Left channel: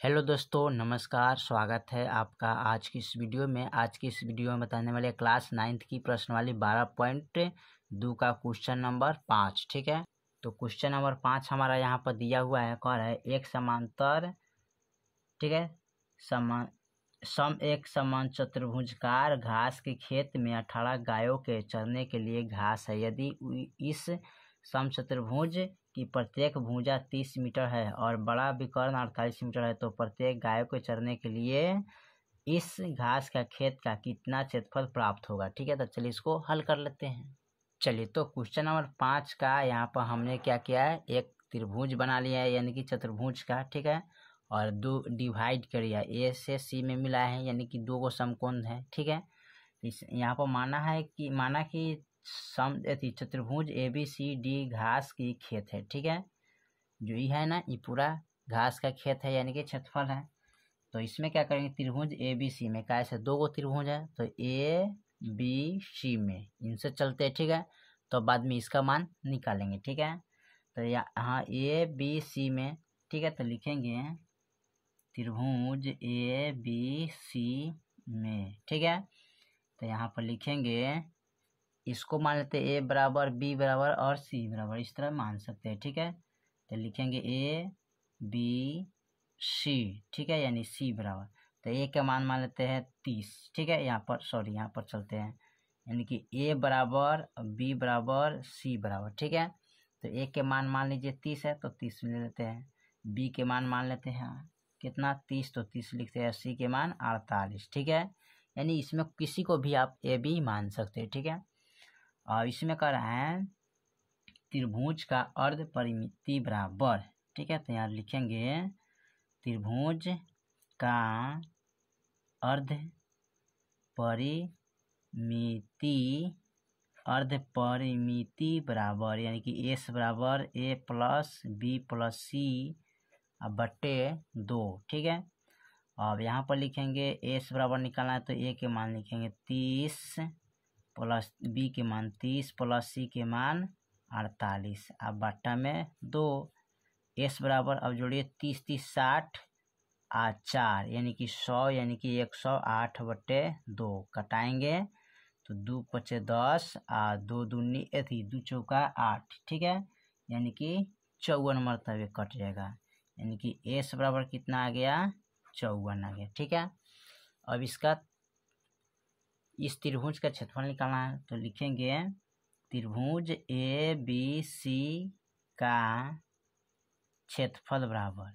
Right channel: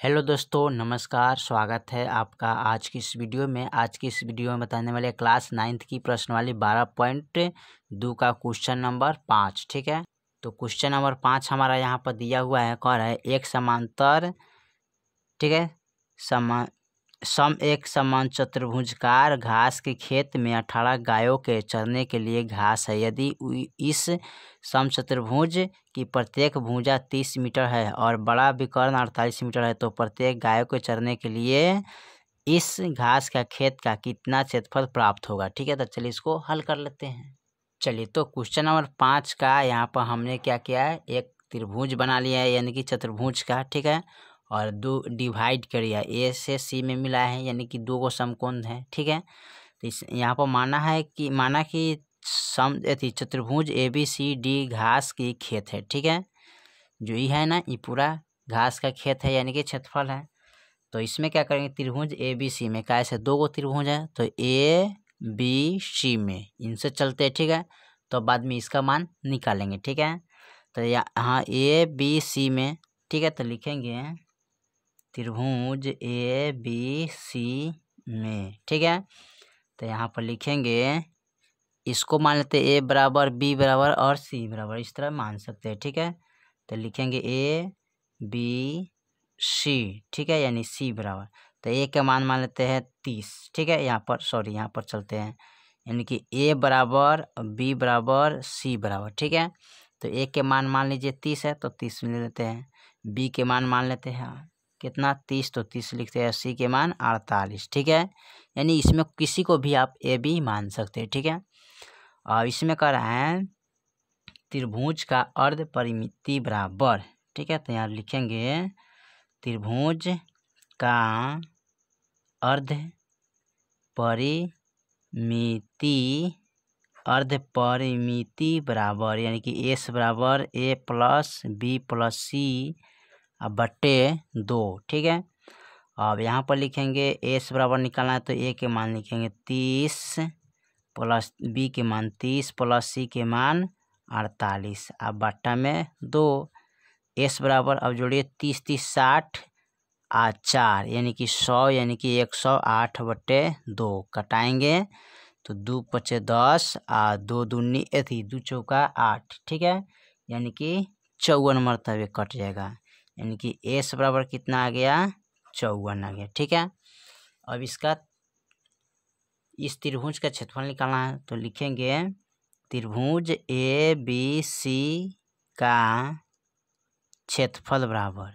Hello दोस्तों, नमस्कार। स्वागत है आपका आज की इस वीडियो में। आज की इस वीडियो में बताने वाले क्लास 9th की प्रश्नावली 12.2 का क्वेश्चन नंबर 5। ठीक है, तो क्वेश्चन नंबर 5 हमारा यहाँ पर दिया हुआ है। कह रहा है एक समांतर, ठीक है, एक समान चतुर्भुजकार घास के खेत में 18 गायों के चरने के लिए घास है। यदि इस समचतुर्भुज की प्रत्येक भुजा 30 मीटर है और बड़ा विकर्ण 48 मीटर है, तो प्रत्येक गायों के चरने के लिए इस घास का खेत का कितना क्षेत्रफल प्राप्त होगा। ठीक है, तो चलिए इसको हल कर लेते हैं। चलिए, तो क्वेश्चन नंबर 5 का यहाँ पर हमने क्या किया है, एक त्रिभुज बना लिया है, यानी कि चतुर्भुज का। ठीक है, और दो डिवाइड करिए, ए से सी में मिला है, यानी कि दो गो समकोण है। ठीक है, तो इस यहाँ पर माना कि चतुर्भुज ABCD घास की खेत है। ठीक है, जो ये है ना, ये पूरा घास का खेत है, यानी कि क्षेत्रफल है। तो इसमें क्या करेंगे, त्रिभुज ABC में कैसे दो गो त्रिभुज है, तो ABC में इनसे चलते हैं। ठीक है, तो बाद में इसका मान निकालेंगे। ठीक है, तो यहाँ ABC में, ठीक है, तो लिखेंगे त्रिभुज ABC में। ठीक है, तो यहाँ पर लिखेंगे, इसको मान लेते A बराबर B बराबर और C बराबर, इस तरह मान सकते हैं। ठीक है, तो लिखेंगे ABC, ठीक है, यानी C बराबर, तो A का मान लेते हैं 30। ठीक है, यहाँ पर चलते हैं, यानी कि A बराबर B बराबर C बराबर। ठीक है, तो A के मान लीजिए 30 है, तो 30 ले लेते हैं। B के मान लेते हैं कितना, 30, तो 30 लिखते हैं। C के मान 48। ठीक है, यानी इसमें किसी को भी आप A B मान सकते हैं। ठीक है, और इसमें कह रहा है त्रिभुज का अर्ध परिमिति बराबर। ठीक है, तो यहाँ लिखेंगे त्रिभुज का अर्ध परिमिति बराबर, यानी कि S बराबर A plus B plus C बटे 2। ठीक है, अब यहाँ पर लिखेंगे S बराबर निकालना है, तो A के मान लिखेंगे 30 प्लस B के मान 30 प्लस C के मान 48, अब बट्टा में 2। S बराबर, अब जोड़िए 30 30 60 4, यानी कि 100, यानी कि 108 बटे 2 कटाएंगे, तो 2 पचे 10 2 दूनी 2 चौका 8। ठीक है, यानी कि 54 मरतबे कट जाएगा, यानी कि S बराबर कितना आ गया, 54 आ गया। ठीक है, अब इस त्रिभुज का क्षेत्रफल निकालना है, तो लिखेंगे त्रिभुज ABC का क्षेत्रफल बराबर,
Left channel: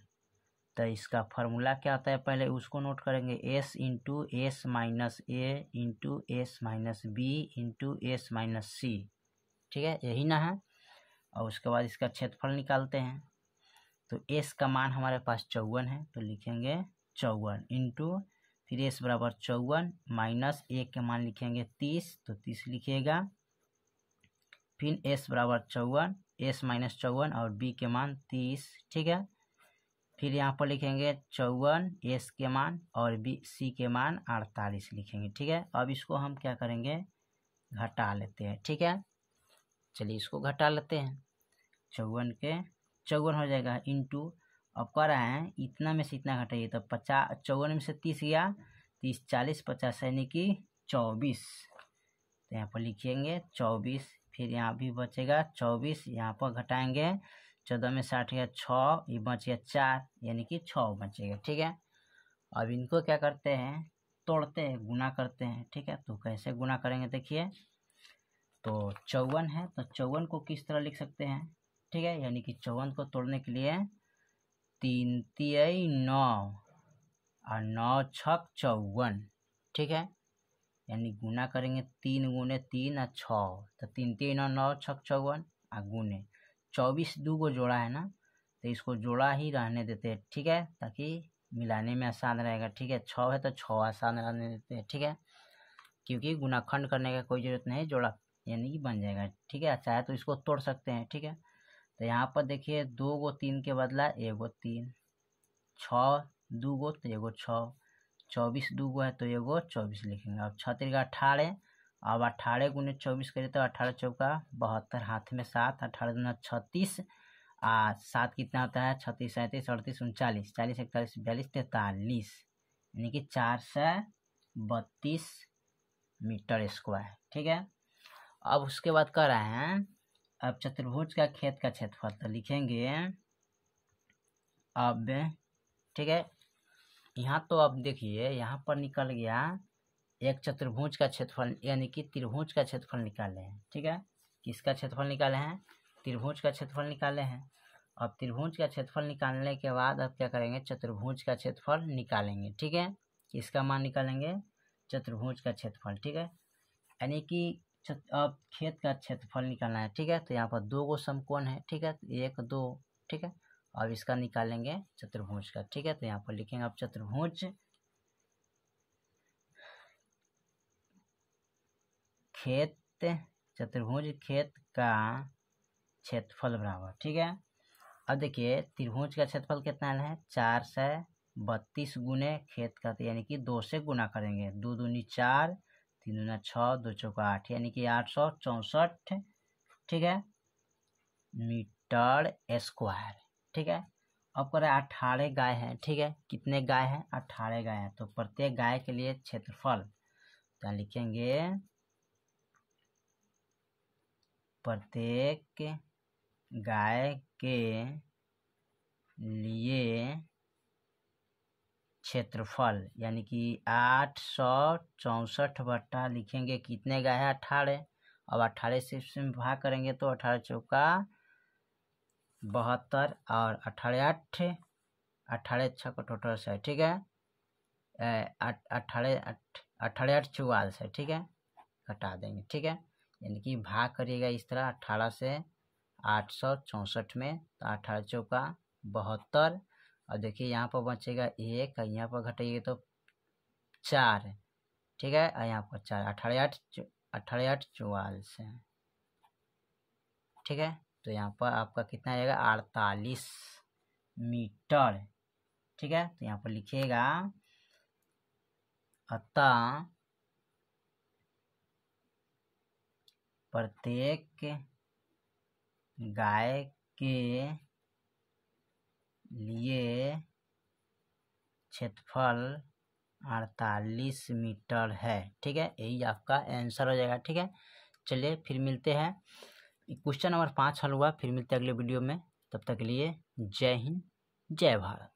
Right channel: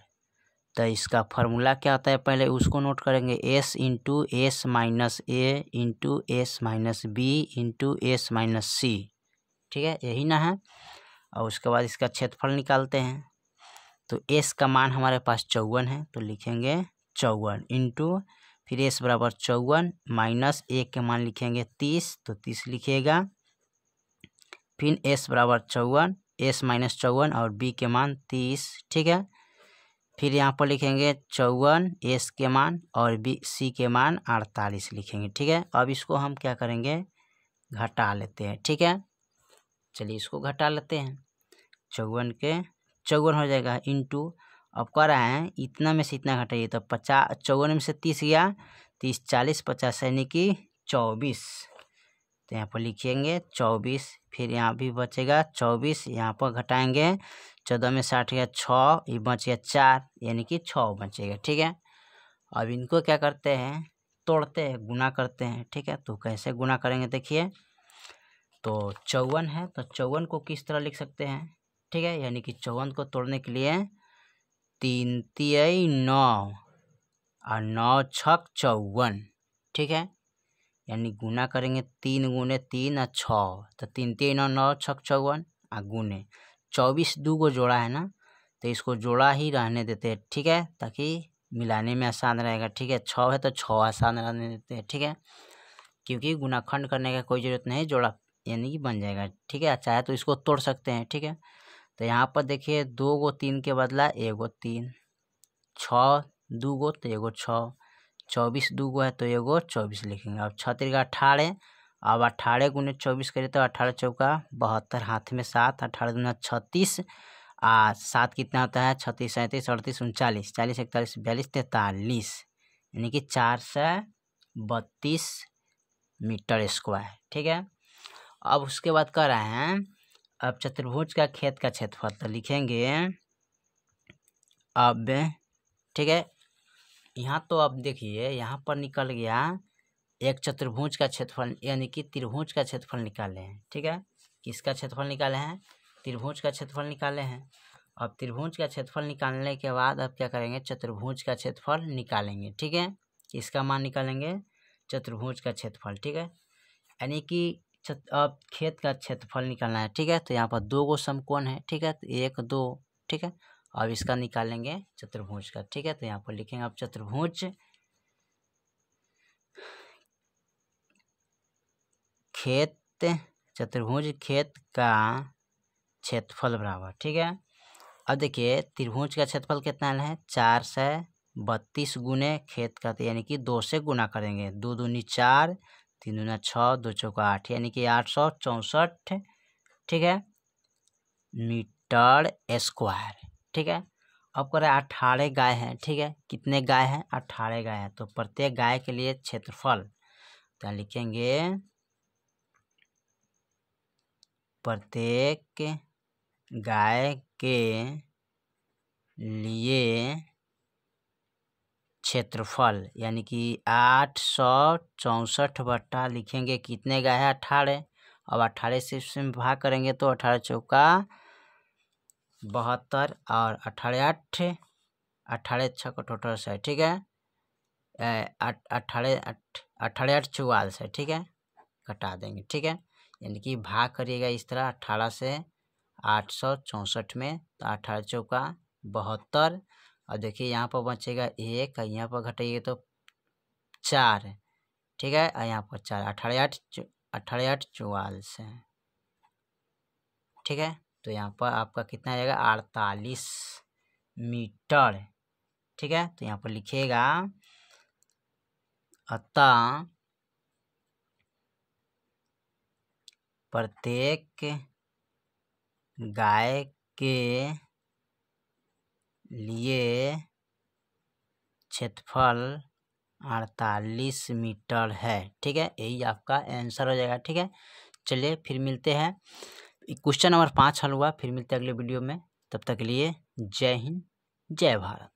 तो इसका फॉर्मूला क्या होता है, पहले उसको नोट करेंगे। S into S minus A into S minus B into S minus C। ठीक है, यही ना है, और उसके बाद इसका क्षेत्रफल निकालते हैं। तो S का मान हमारे पास 54 है, तो लिखेंगे 54 इंटू, फिर S बराबर 54 माइनस A के मान लिखेंगे 30, तो 30 लिखिएगा। फिर S बराबर 54, S माइनस 54 और B के मान 30। ठीक है, फिर यहाँ पर लिखेंगे 54 S के मान और C के मान 48 लिखेंगे। ठीक है, अब इसको हम क्या करेंगे, घटा लेते हैं। ठीक है, चलिए इसको घटा लेते हैं। 54 के 54 हो जाएगा इंटू, अब कह रहा है इतना में से इतना घटाइए, तो 54 में से 30 गया, 30 40 50, यानी कि 24, तो यहाँ पर लिखेंगे 24। फिर यहाँ भी बचेगा 24, यहाँ पर घटाएंगे, 14 में 60 गया 6, ये बच गया 4, यानी कि 6 बचेगा। ठीक है, अब इनको क्या करते हैं, तोड़ते हैं, गुना करते हैं। ठीक है, तो कैसे गुना करेंगे देखिए, तो 54 है, तो 54 को किस तरह लिख सकते हैं। ठीक है, यानी कि 54 को तोड़ने के लिए 3 तिया 9 और 9 छक 54। ठीक है, यानी गुना करेंगे 3 गुने 3 और 6, तो 3 तिया 9 9 छक 54 और गुने 24 दो को जोड़ा है ना, तो इसको जोड़ा ही रहने देते हैं। ठीक है, ताकि मिलाने में आसान रहेगा। ठीक है, 6 है तो 6 आसान रहने देते हैं। ठीक है, क्योंकि गुनाखंड करने का कोई ज़रूरत नहीं, जोड़ा यानी कि बन जाएगा। ठीक है, चाहे तो इसको तोड़ सकते हैं। ठीक है, तो यहाँ पर देखिए 2 गो 3 के बदला 1 गो 3, 6 2 गो तो 1 गो 6, 24 दो गो है तो 1 गो 24 लिखेंगे। अब 6 3 18, अब 18 गुने 24 करिए तो 18 चौका 72, हाथ में 7, 18 दूना 36 7 कितना होता है 36 37 38 39 40 41 42 43 यानी कि 432 मीटर स्क्वायर। ठीक है, अब उसके बाद कह रहे हैं अब चतुर्भुज का खेत का क्षेत्रफल तो लिखेंगे अब। ठीक है, यहाँ तो अब देखिए यहाँ पर निकल गया एक चतुर्भुज का क्षेत्रफल यानी कि त्रिभुज का क्षेत्रफल निकाले हैं। ठीक है, किसका क्षेत्रफल निकाले हैं? त्रिभुज का क्षेत्रफल निकाले हैं। अब त्रिभुज का क्षेत्रफल निकालने के बाद अब क्या करेंगे? चतुर्भुज का क्षेत्रफल निकालेंगे। ठीक है, किसका मान निकालेंगे? चतुर्भुज का क्षेत्रफल। ठीक है, यानी कि अब खेत का क्षेत्रफल निकालना है। ठीक है, तो यहाँ पर 2 गो समकोण है। ठीक है, तो 1 2। ठीक है, अब इसका निकालेंगे चतुर्भुज का। ठीक है, तो यहाँ पर लिखेंगे अब चतुर्भुज खेत का क्षेत्रफल बराबर। ठीक है, अब देखिए त्रिभुज का क्षेत्रफल कितना है? 432 गुने खेत का, यानी कि 2 से गुना करेंगे। 2 दूनी 4, 3 दूना 6, 2 चौका 8 यानी कि 864। ठीक है, मीटर स्क्वायर। ठीक है, अब करें 18 गाय हैं। ठीक है, कितने गाय हैं? 18 गाय हैं। तो प्रत्येक गाय के लिए क्षेत्रफल तो लिखेंगे प्रत्येक गाय के लिए क्षेत्रफल यानी कि 864 बट्टा लिखेंगे कितने गाय है? 18। अब 18 से इसमें भाग करेंगे तो 18 चौका 72 और 18 छः का टोटल है। ठीक है, 18 8 44 है। ठीक है, घटा देंगे। ठीक है, यानी कि भाग करिएगा इस तरह 18 से 864 में, तो 18 चौका 72 और देखिए यहाँ पर बचेगा 1, यहाँ पर घटाइए तो 4। ठीक है, और यहाँ पर 4 18 8 44 है। ठीक है, तो यहाँ पर आपका कितना आ जाएगा? 48 मीटर। ठीक है, तो यहाँ पर लिखिएगा अतः प्रत्येक गाय के लिए क्षेत्रफल 48 मीटर है। ठीक है, यही आपका आंसर हो जाएगा। ठीक है, चलिए फिर मिलते हैं। क्वेश्चन नंबर 5 हल हुआ। फिर मिलते हैं अगले वीडियो में। तब तक के लिए जय हिंद, जय भारत।